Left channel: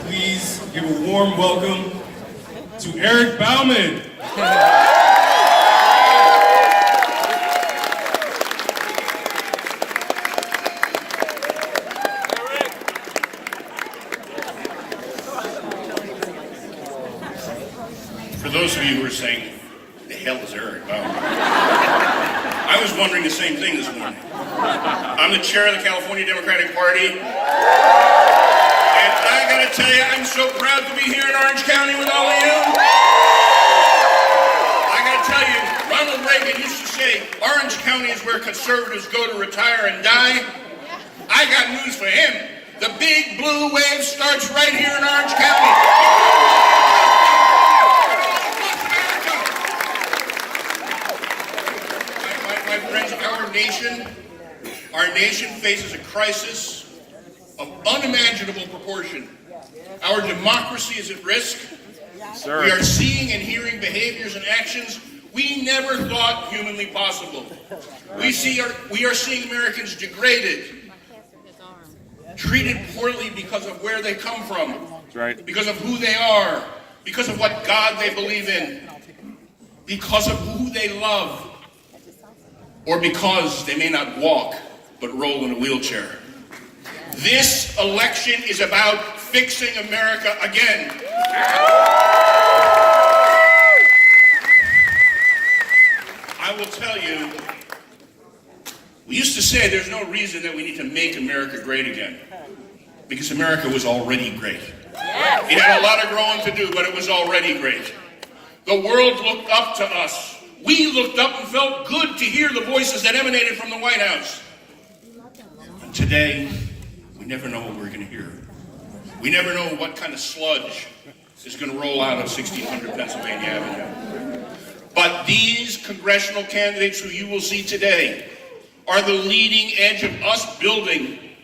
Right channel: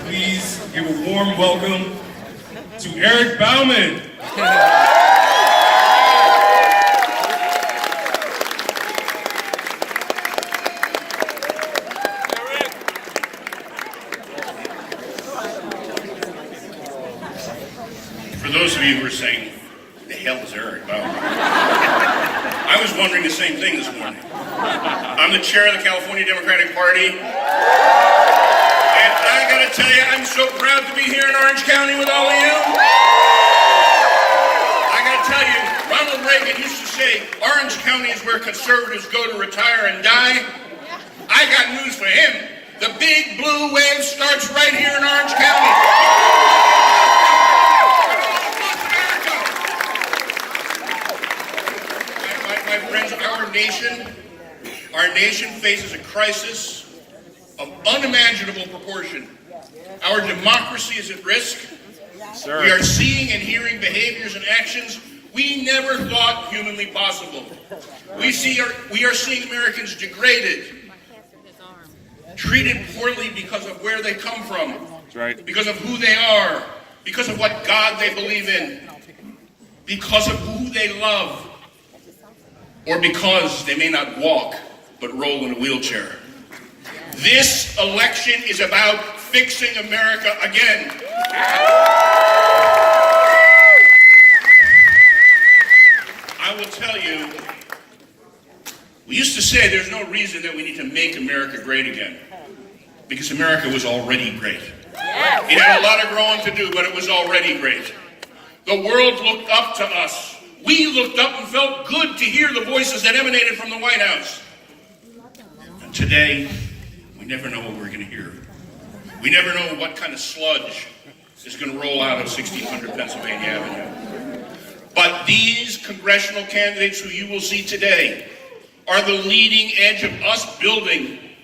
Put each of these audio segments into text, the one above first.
Please give a warm welcome to Eric Bauman. For those of you who are saying, the hell is Eric Bauman? I was wondering the same thing this morning. I'm the chair of the California Democratic Party. And I gotta tell you, I'm so proud to be here in Orange County with all of you. I gotta tell you, Ronald Reagan used to say, Orange County is where conservatives go to retire and die. I got news for him. The big blue wave starts right here in Orange County. My friends, our nation faces a crisis of unimaginable proportion. Our democracy is at risk. Sir. We are seeing and hearing behaviors and actions we never thought humanly possible. We are seeing Americans degraded, treated poorly because of where they come from, because of who they are, because of what God they believe in, because of who they love, or because they may not walk but roll in a wheelchair. This election is about fixing America again. I will tell you, we used to say there's no reason that we need to make America great again, because America was already great. It had a lot of growing to do, but it was already great. The world looked up to us. We looked up and felt good to hear the voices that emanated from the White House. And today, we never know what we're going to hear. We never know what kind of sludge is going to roll out of 1600 Pennsylvania Avenue. But these congressional candidates who you will see today are the leading edge of us building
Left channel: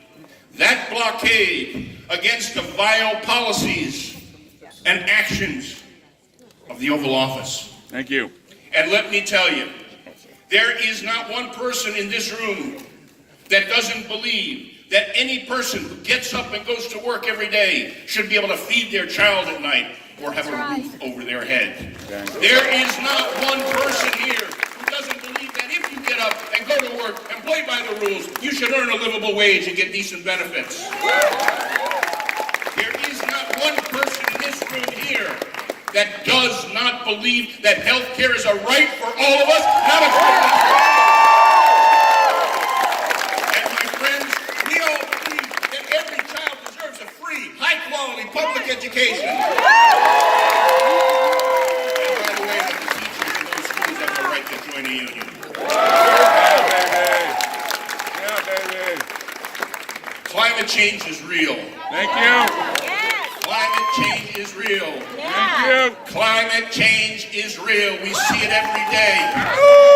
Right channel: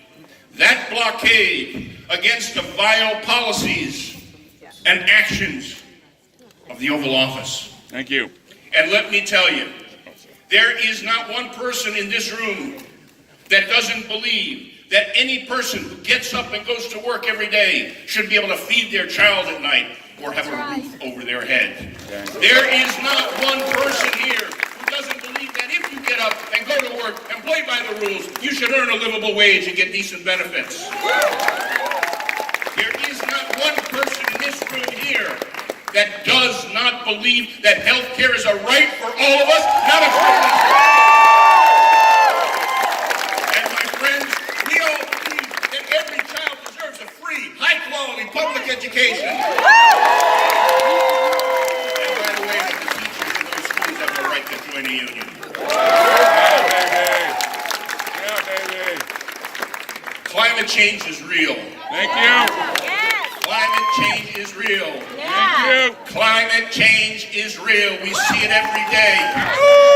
that blockade against the vile policies and actions of the Oval Office. Thank you. And let me tell you, there is not one person in this room that doesn't believe that any person who gets up and goes to work every day should be able to feed their child at night or have a roof over their head. There is not one person here who doesn't believe that if you get up and go to work and play by the rules, you should earn a livable wage and get decent benefits. There is not one person in this room here that does not believe that health care is a right for all of us, not a privilege. And my friends, we all believe that every child deserves a free, high-quality public education. And by the way, the teachers in those schools have the right to join a union. Climate change is real. Thank you. Climate change is real. Thank you. Climate change is real. We see it every day.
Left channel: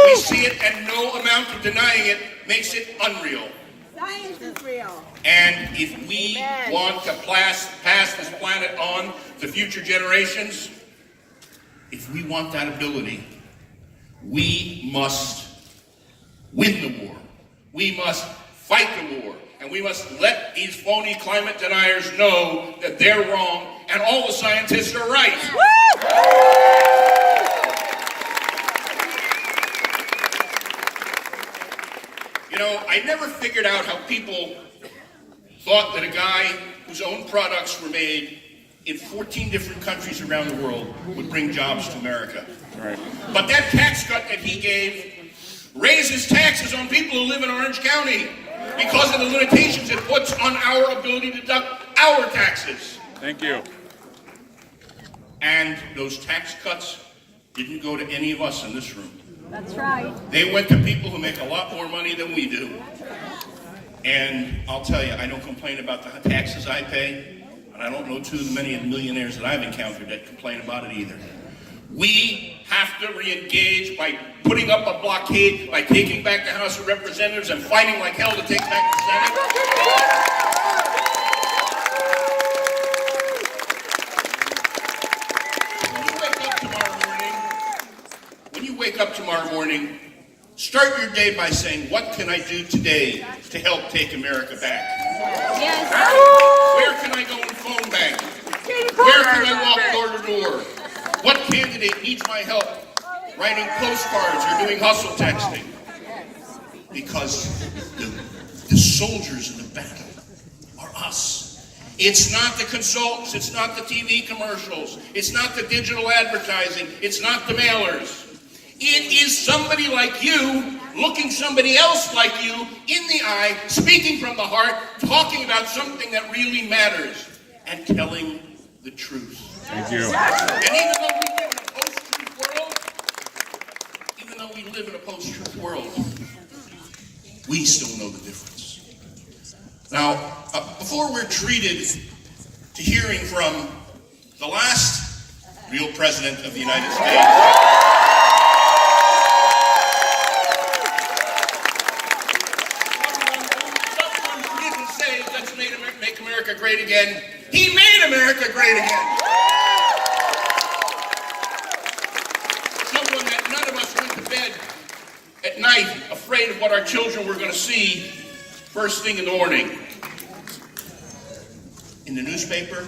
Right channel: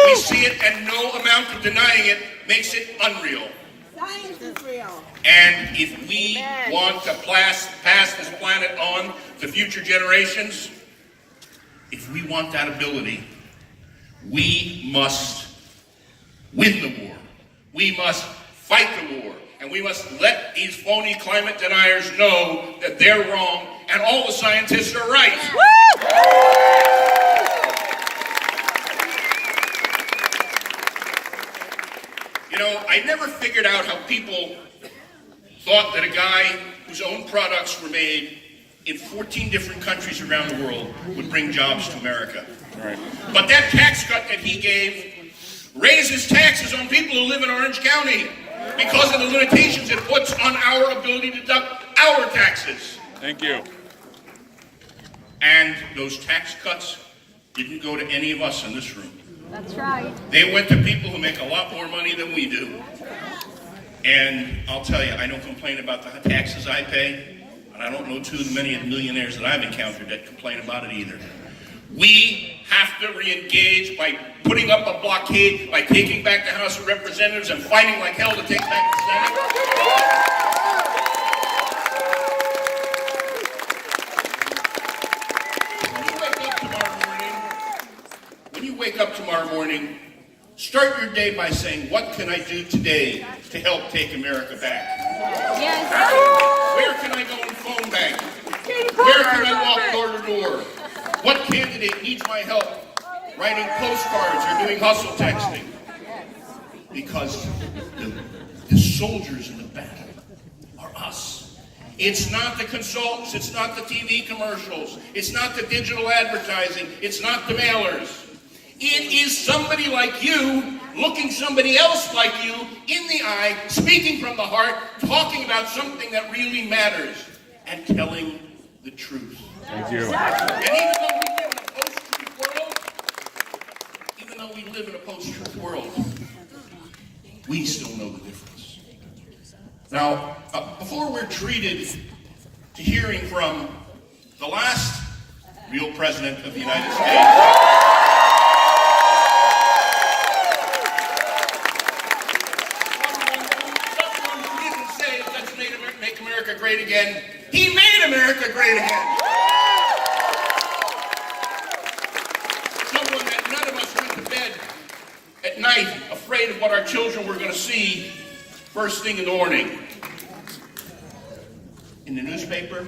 We see it, and no amount of denying it makes it unreal. Science is real. And if we want to pass this planet on to future generations, if we want that ability, we must win the war. We must fight the war. And we must let these phony climate deniers know that they're wrong and all the scientists are right. You know, I never figured out how people thought that a guy whose own products were made in 14 different countries around the world would bring jobs to America. Right. But that tax cut that he gave raises taxes on people who live in Orange County, because of the limitations it puts on our ability to deduct our taxes. Thank you. And those tax cuts didn't go to any of us in this room. That's right. They went to people who make a lot more money than we do. And I'll tell you, I don't complain about the taxes I pay, and I don't know too many millionaires that I've encountered that complain about it either. We have to re-engage by putting up a blockade, by taking back the House of Representatives and fighting like hell to take back the Senate. When you wake up tomorrow morning, start your day by saying, what can I do today to help take America back? Yes. Where can I go and phone bank? Where can I walk door to door? What candidate needs my help? Writing postcards or doing hustle texting? Because the soldiers in the battle are us. It's not the consultants, it's not the TV commercials, it's not the digital advertising, it's not the mailers. It is somebody like you, looking somebody else like you in the eye, speaking from the heart, talking about something that really matters, and telling the truth. Thank you. And even though we live in a post-truth world, we still know the difference. Now, before we're treated to hearing from the last real president of the United States, someone who didn't say, let's make America great again, he made America great again. Someone that none of us went to bed at night afraid of what our children were going to see first thing in the morning. In the newspaper,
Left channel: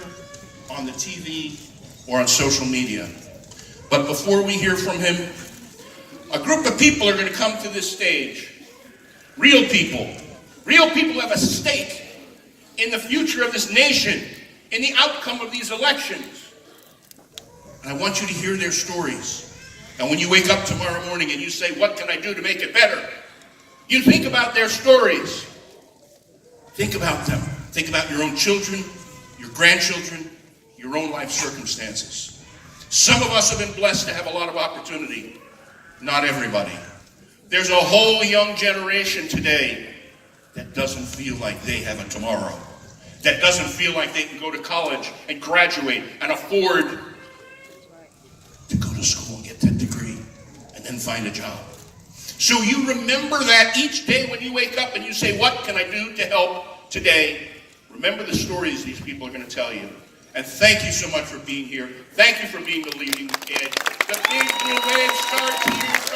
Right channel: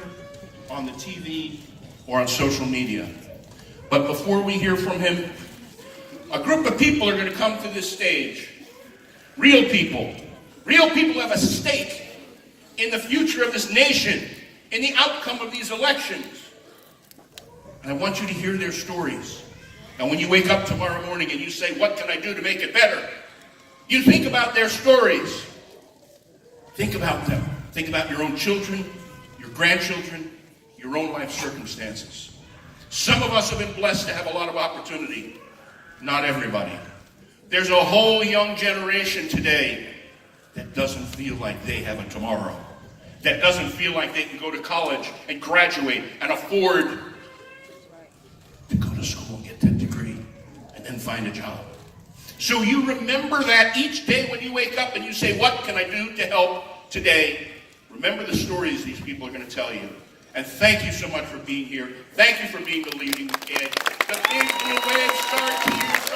on the TV, or on social media. But before we hear from him, a group of people are going to come to this stage. Real people. Real people have a stake in the future of this nation, in the outcome of these elections. And I want you to hear their stories. And when you wake up tomorrow morning and you say, what can I do to make it better? You think about their stories. Think about them. Think about your own children, your grandchildren, your own life circumstances. Some of us have been blessed to have a lot of opportunity. Not everybody. There's a whole young generation today that doesn't feel like they have a tomorrow. That doesn't feel like they can go to college and graduate and afford to go to school and get that degree and then find a job. So you remember that each day when you wake up and you say, what can I do to help today? Remember the stories these people are going to tell you. And thank you so much for being here. Thank you for being the leading kid. The Big Blue Wave starts here.